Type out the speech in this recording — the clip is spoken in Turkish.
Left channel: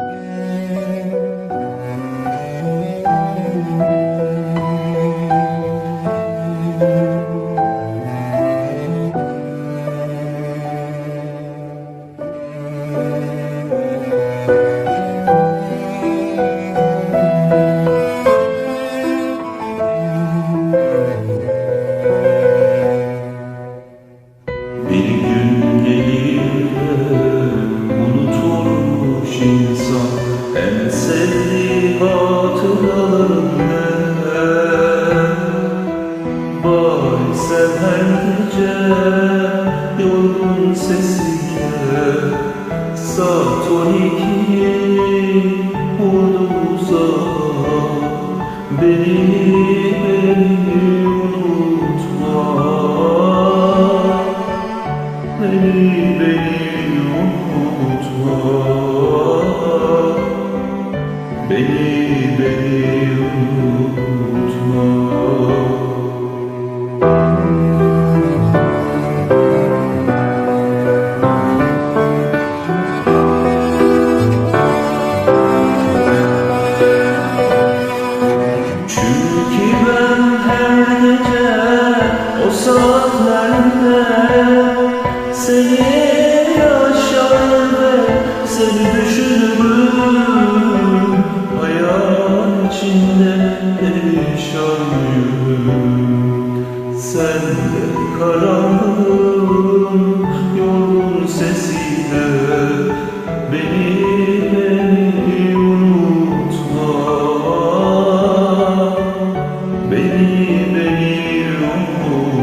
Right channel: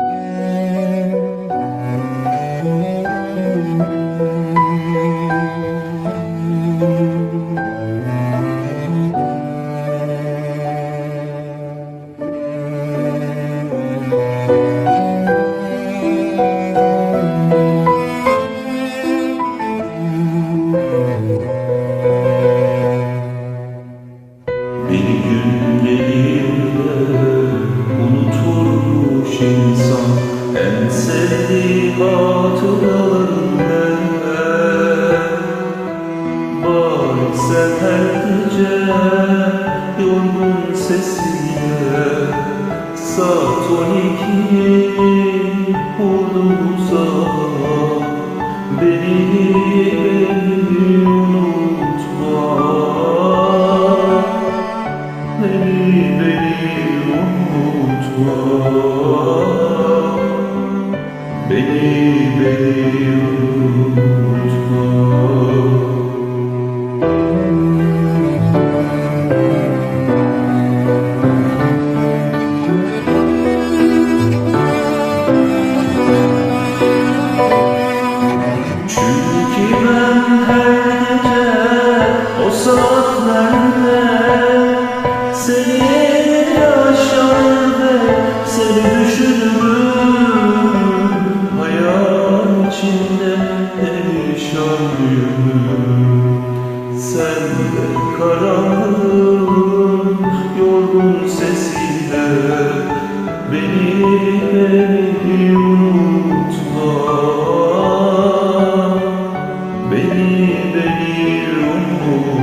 Yeah. En sevdiği hatıralarından Bari sen her gece yorgun sesiyle Saat on ikiyi vurduğu zaman Beni, beni unutma. Beni, beni unutma Beni, beni unutma. Çünkü ben her gece o saatlerde seni yaşar ve seni Sen de karanlığın yorgun sesiyle Beni, beni unutma. Beni, beni unutma.